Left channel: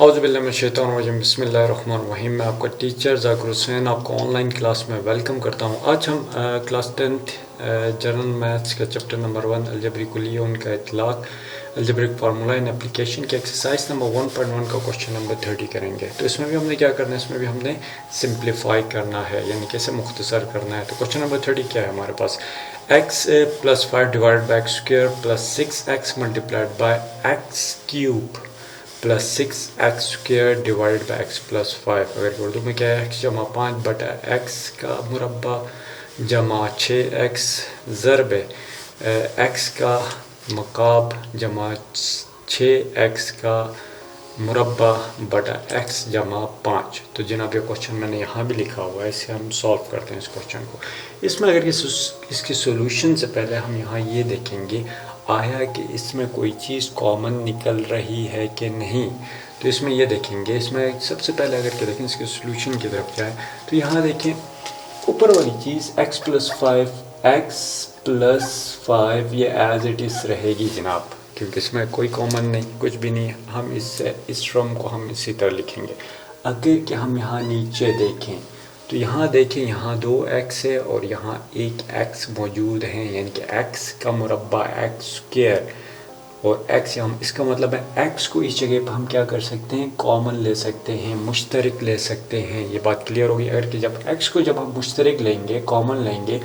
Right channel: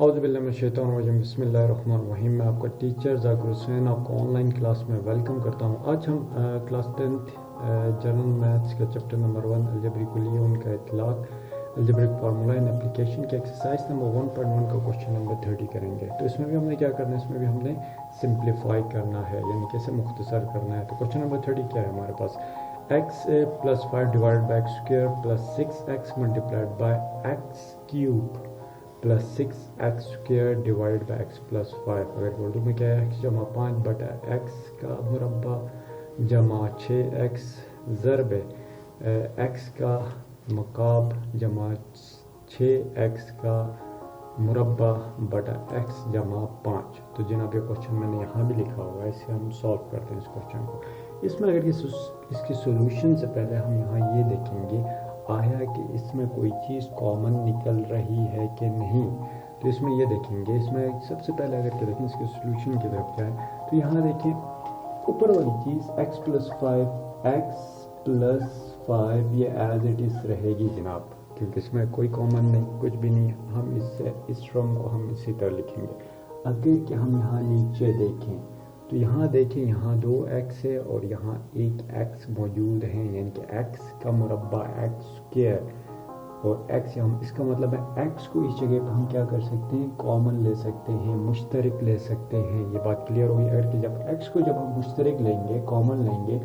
औज़ुबिल्लाहिमिनश्शैतानिर्रजीम बिस्मिल्लाहिर्रहमानिर्रहीम। मैं आपका टीचर ज़ाकिर हुसैन आपको ऑनलाइन क्लास में वेलकम करता हूँ। आज हम क्लास 10th जनरल मैथ्स का चैप्टर नंबर 1 अलजबरी कुलिया उनका इतलाक़ अलजबरिक फार्मूला इन एप्लीकेशन के एक्सरसाइज नंबर 1.1 का क्वेश्चन नंबर 30 करेंगे। तो इसमें भी हमने क्या करना है, इसमें भी हमने सिंप्लीफाई करना है, यानी कि इसे मुख्तसर करना है। तो क्वेश्चन नंबर 30 क्या है हमारे पास, x plus 5 divide by x square plus 6x multiplied by x cube plus 6x square divide by x plus 5। अगर उर्दू में क्या है, x जमा 5 बटा x का मुरब्बा जमा 6x ज़रब x का मकाब जमा 6x का मुरब्बा बटा x जमा 5। तो जनाब ये क्वेश्चन मैंने यहाँ भी लिखा हुआ है, इसे हम सॉल्व करते हैं इस क्वेश्चन को। इसमें अगर इसकी सोल्यूशन से पहले हम यहाँ ये देखेंगे आया कि इसमें कोई चीज़ कॉमन निकल रही है कि नहीं। तो इसमें ये देखेंगे, इसमें सबसे पहले अगर क्या देखें इसके सोल्यूशन की तरफ जाए तो यहाँ देखें ऊपर वाली चीज़ x प्लस 5 ये एज इट इज़ रहेगी जनाब, क्योंकि इसमें कोई कॉमन नहीं, कुछ भी नहीं। हम इस टर्म को हम इसी तरह लिखेंगे। अगर कि हम यहाँ नीचे देखें तो यहाँ देखें, यहाँ 2x है और यहाँ एक x मौजूद है, यानी कि x का मुरब्बा x स्क्वायर और x हम इसका मतलब है x को इस जगह पर हम क्या कर सकते हैं, कॉमन ले सकते हैं, मुश्तरक ले सकते हैं। ये बात क्लियर होगी। अगर कि जब x को जब हम मुश्तरक लेंगे, कॉमन लेंगे,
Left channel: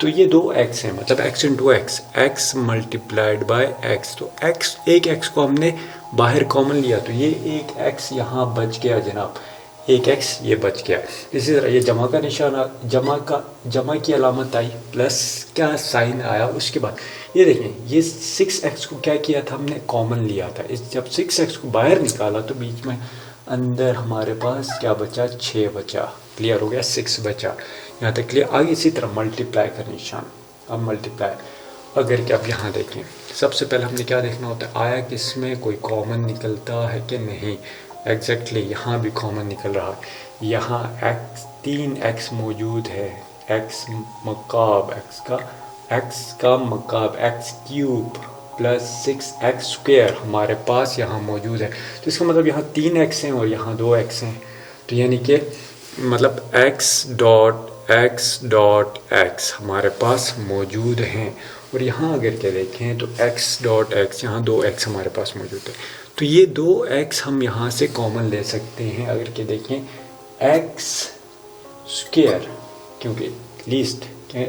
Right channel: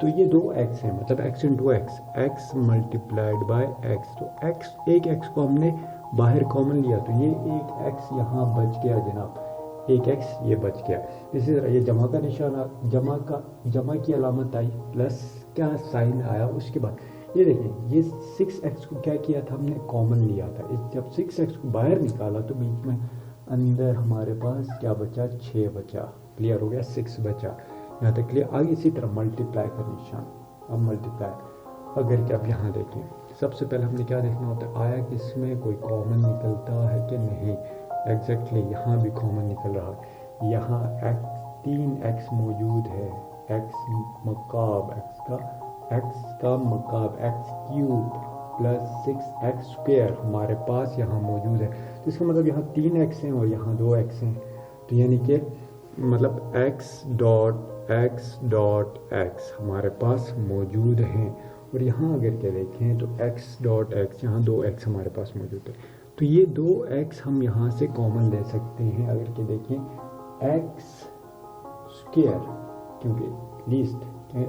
तो ये 2x है, मतलब x into x multiplied by x। तो x एक x को हमने बाहर कॉमन लिया तो ये एक x यहाँ बच गया जनाब, एक x ये बच गया। इसी तरह ये जमा का निशान, जमा की अलामत आई, प्लस क्या साइन आया। उसके बाद ये देखें, ये 6x को क्या किया था, हमने कॉमन लिया था। इस जब 6x को बाहर निकाला तो बीच में अंदर हमारे पास क्या बचा, 6 बचा। क्लियर हो गया, 6 बचा यहाँ तक क्लियर। आगे इसी तरह मल्टीप्लाई का निशान, अब मल्टीप्लाई अगर कि अब यहाँ देखें, सबसे पहले हमने क्या देखना होता है, आया कि इसमें कोई कॉमन निकलता है कि नहीं। एग्जैक्टली यहाँ भी कॉमन निकल रहा है, यहाँ तीन x मौजूद है, x मकाब x का मकाब x cube plus 6x square हमारे पास यहाँ मौजूद है। तो इसका मतलब यहाँ 3x हैं और यहाँ 2x हैं। तो यानी कि मतलब x डॉट x हमारे पास मौजूद हैं। और यहाँ अगर क्या देखें तो x डॉट x यहाँ 2x हमारे पास मौजूद है। तो ये 2x हम यहाँ से कॉमन ले सकते हैं। अगर के देखें x स्क्वायर, क्योंकि लीस्ट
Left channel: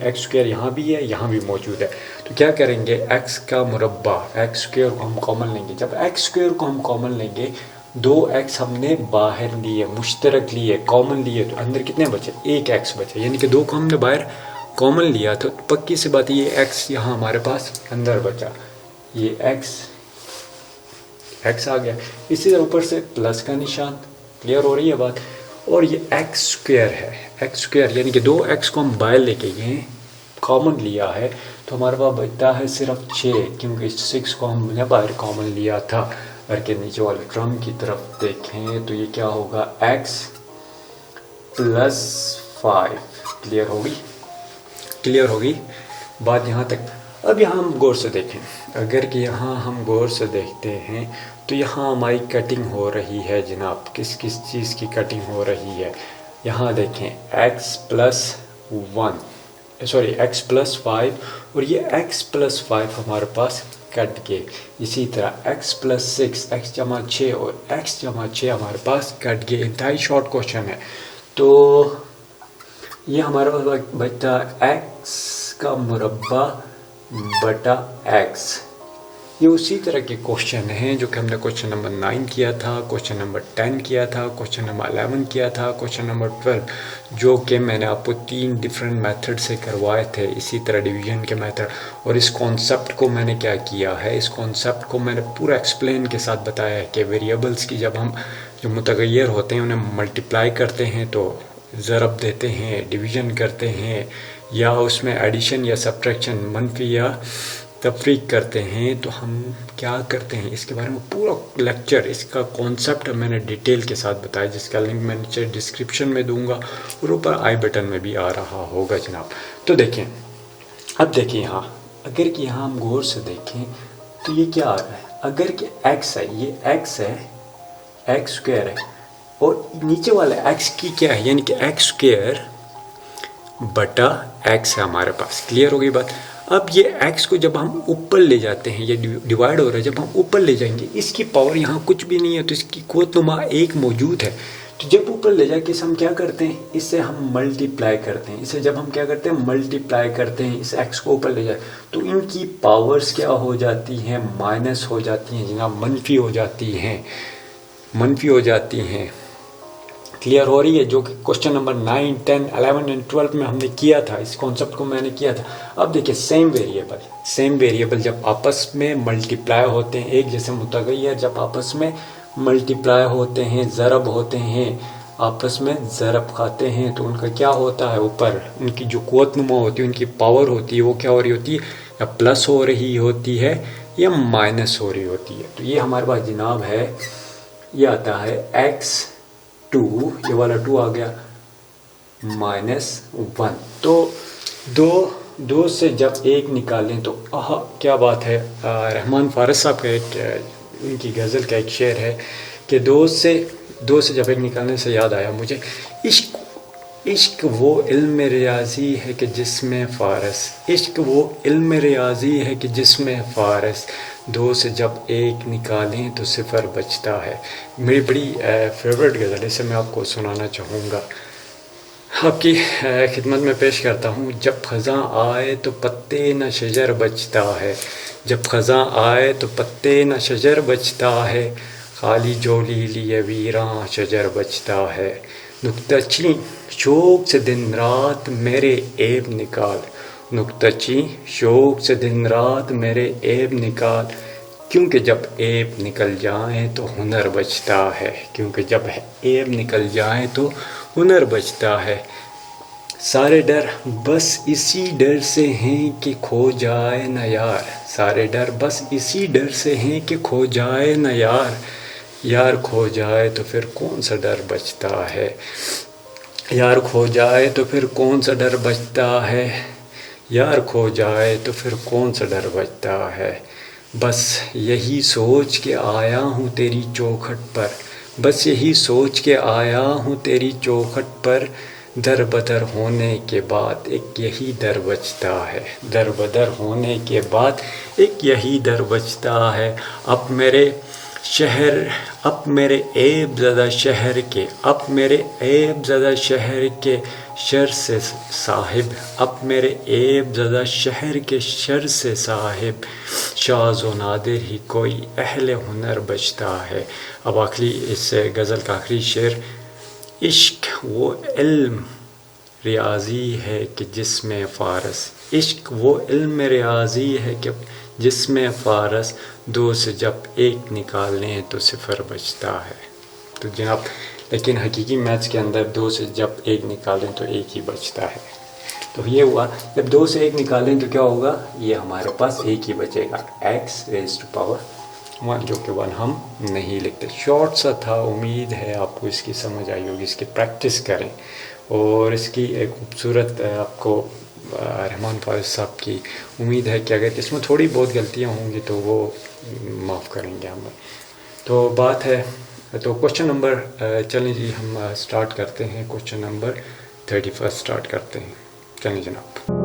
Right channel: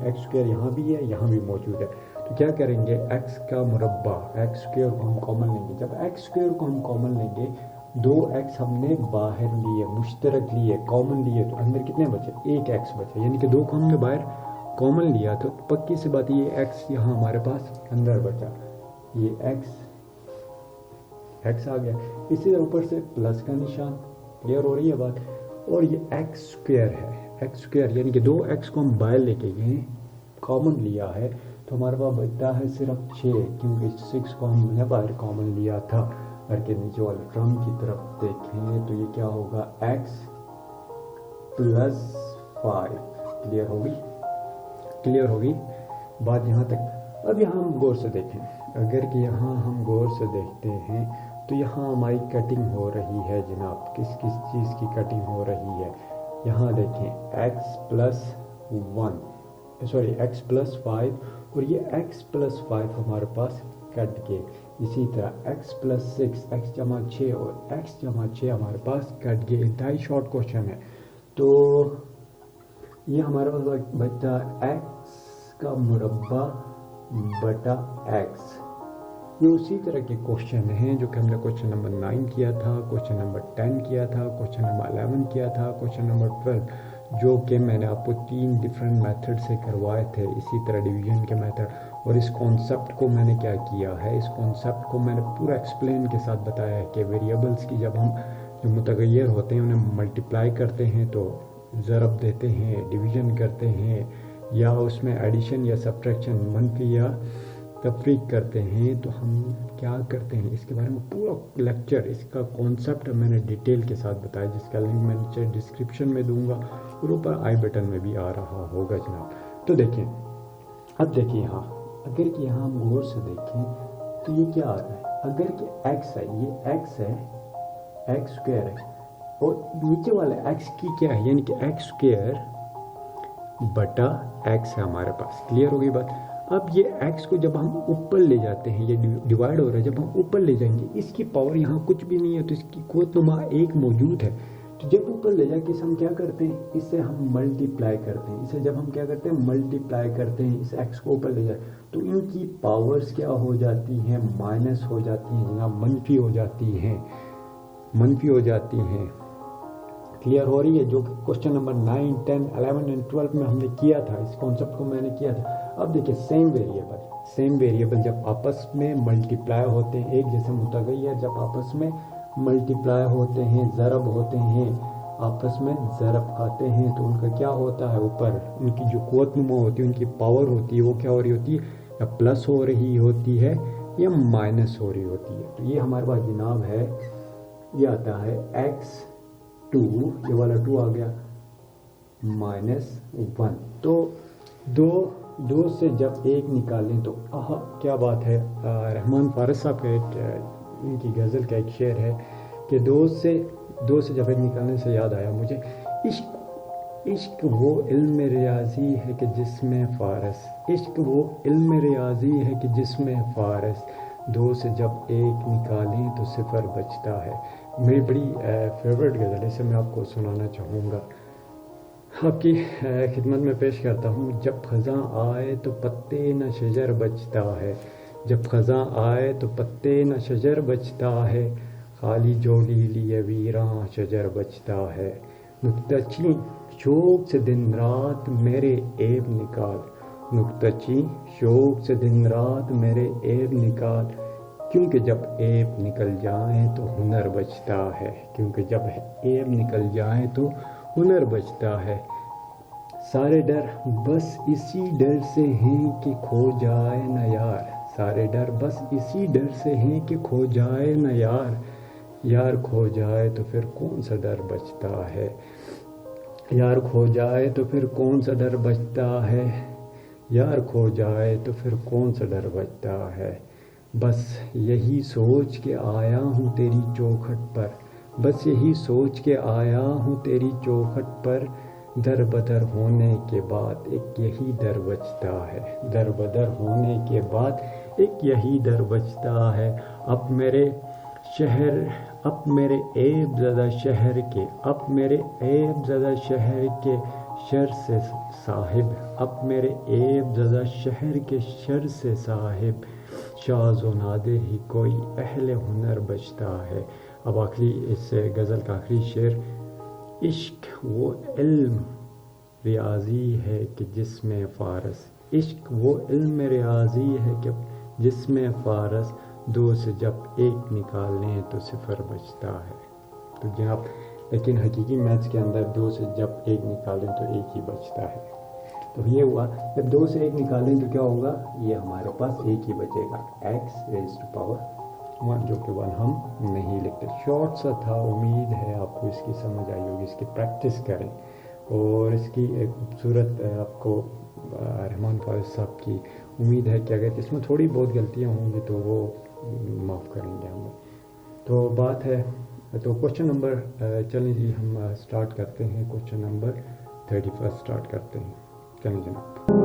x स्क्वायर यहाँ भी है, यहाँ भी मौजूद है, तो क्या करेंगे, x का मुरब्बा x स्क्वायर को हम कॉमन लेंगे। जब x स्क्वायर को हम कॉमन लेंगे, 2x हमने बाहर लिए, मुश्तरक लिए, कॉमन लिए, तो अंदर कितने बचे, एक x बचे, यानी कि 2 को हमने बाहर कॉमन लिया। तो पक्की सी बात है ये x यहाँ हमारे पास अंदर बचा, ये x आ गया। इसी तरह ऊपर से प्लस का निशान, क्लियर हो रही है बात। और ये x स्क्वायर है, x स्क्वायर यानी कि 2x को हम बाहर लेके ये कॉमन लिया है, तो हमारे पास बचता है सिर्फ 6, क्योंकि 6 को हमने बाहर कॉमन लिया था। अगर के नीचे वाले टर्म की तरफ देखें तो ये क्या होगा, x प्लस 5। क्लियर होगी बात यहाँ तक। अब यहाँ हम गौर से देखें, अगर कि यहाँ हम गौर से देखते हैं तो यहाँ हमारी कटिंग हो रही है जनाब। किस चीज़ की कटिंग हो रही है, यहाँ देखें x प्लस 5 और ये x प्लस 5 हमारे पास कट गए। इसी तरह x प्लस 6 x जमा 6 और x जमा 6 हमारे पास कट गए। इंतहाई शॉर्ट क्वेश्चन है। तो ये हमारे पास बचता x का मुरब्बा बटा x। ये उसी तरह के क्वेश्चन हैं जो कि हमने क्वेश्चन नंबर 9 किया था, क्वेश्चन नंबर 10 किया था, क्वेश्चन नंबर 11 किया था, क्वेश्चन नंबर 12, जो कि मैंने आपको 3 डिफरेंट मेथड से करवाए थे। इसी तरह डिवीजन के मेथड। और इस कॉन्सेप्ट को मैंने क्या किया है, इस कॉन्सेप्ट को मैंने पूरा एक्सप्लेन के साथ बताया है कि वेरिएबल्स की जब हम जो मुतगैर होते हैं उन्हें मल्टीप्लाई करते हैं तो ज़रब देते हैं, डिवीज़न करते हैं, या उसमें एडिशन या सब्ट्रैक्शन, मनफी या तफरीक करते हैं, तो हम क्या करते हैं, इसके बारे में पूरा लेक्चर, इसका कॉन्सेप्ट मैंने डिटेल के साथ बताया, जिसका लिंक मैं नीचे डिस्क्रिप्शन में दूंगा और ऊपर आई बटन में भी आ रहा होगा जनाब। तो देखें, अब देखिए यहाँ, अगर कि यहाँ हम गौर से देखें तो ये क्या आ रहा है, अगर कि x है, ये x है, एक्स स्क्वायर है और नीचे वाला एक्स की क्या है, यानी कि एक्स स्क्वायर बटा एक्स है हमारे पास। क्लियर हो गई बात। अब ये एक्स को जब हम ऊपर ले जाते हैं, ये डिवाइड हो रहा है, जब हम ऊपर ले जाएंगे, इसकी पावर यहाँ कुछ भी नहीं है तो इसकी क़ुव्वत-नुमा 1 मौजूद है। तो जब ऊपर ले जाके इसे हम क्या करते हैं, इससे हम मल्टीप्लाई करते हैं। इसे जब हम क्या करते हैं, मल्टीप्लाई करते हैं, इस एक्स को ऊपर ले जाए तो इनकी पावर्स क्या हो जाती हैं, माइनस हो जाती हैं जनाब, मनफी हो जाती हैं, मनफी हो जाती हैं। क्लियर हो रही है, जो कि क्वेश्चन नंबर 9, 10, 11 एंड 12 में हमने किया था, इस कॉन्सेप्ट को मैंने किया था। अब देखिए सेम वेरिएबल जब आपस में मल्टीप्लाई होते हैं, एक जैसे मुतगय्यर जब आपस में मल्टीप्लाई होते हैं, ज़रब होते हैं, आपस में ज़रब खाते हैं, तो उनका क्या होता है, ऊपर उनकी जो क़ुव्वत-नुमा होती है, उनकी पावर होती है, वो क्या हो रही होती है, या प्लस हो रही होती है या माइनस हो रही होती है। तो ये हमारे पास जनाब है, ये आता है x2, ये वाला 2 आ गया, -1। तो दो से जब 1 निकालें तो क्या बात है। रहमान फारस साहब का एक इनकी गज़ल का एक शेर है कि दो से जब 1 निकालने से याद आया मुझे, इश्क वो इल्म रियाज़ी है कि जिसमें फ़ारस, इश्क वो इल्म रियाज़ी है कि जिसमें फ़ारस, 2 से जब 1 निकालें तो 0 बचता है। मेरी बड़ी फेवरेट गज़ल है, इसे मैं आपको सुनाना चाहूँगा, आपकी खिदमत में पेश करता हूँ। जब ख़ज़ां आए तो पत्ते न शजर बचता है, जब ख़ज़ां आए तो पत्ते न शजर बचता है, खाली झोली लिए वीरां शजर बचता है। नुक्ताची शौक़ से दिन रात मेरे ऐब निकाल, नुक्ताची शौक़ से दिन रात मेरे ऐब निकाल, क्योंकि जब ऐब निकल जाए तो हुनर बचता है, क्योंकि जब ऐब निकल जाए तो हुनर बचता है। सारे डर बस इसी डर से हैं कि खो जाए न यार, सारे डर बस इसी डर से हैं कि खो जाए न यार, यार खो जाए तो फिर कौन सा डर बचता है, यार खो जाए तो फिर कौन सा डर बचता है, यार खो जाए तो फिर कौन सा डर बचता है। बस यही सोच के आया हूँ तेरी चौखट पर, बस यही सोच के आया हूँ तेरी चौखट पर, दर बदर होने के बाद एक यही डर बचता है, दर बदर होने के बाद एक यही डर बचता है। अब मेरे शहर, अब मेरे ऐब ज़दा शहर के, अब मेरे ऐब ज़दा शहर के शर से साहिब, अब मेरे ऐब ज़दा शहर के शर से साहिब, शाज़ व नादिर ही कोई अहले हुनर बचता है। अब आखिरी इस गज़ल का आखिरी शेर, इश्क वो इल्म रियाज़ी है कि जिसमें फ़ारस, इश्क वो इल्म रियाज़ी है कि जिसमें फ़ारस, 2 से जब 1 निकालें तो 0 बचता है। तो जनाब, लेकिन हकीकी मैथ्स के अंदर 2 से जब 1 निकालें तो 1 ही बचता है। तो ये हुआ, जब 2 से 1 निकालें तो क्या होगा, ये हमारे पास 1 ही बचेगा, x⁻1, जो कि 1 हम नहीं लिखते। शॉर्ट सा था, उम्मीद है आपको इसकी समझ आई होगी, इसकी प्रैक्टिस करें और इसकी एक खूबसूरत आपको रहमान फारिस साहब की उम्मीद है कि अगर इसमें थोड़ी बहुत गलतियां होंगी तो वो माफ़ करेंगे हमें। तो बात है, तो क्वेश्चन नंबर चलें जी, हम स्टार्ट करते हैं, क्वेश्चन नंबर 31 स्टार्ट करते हैं। चलें जनाब।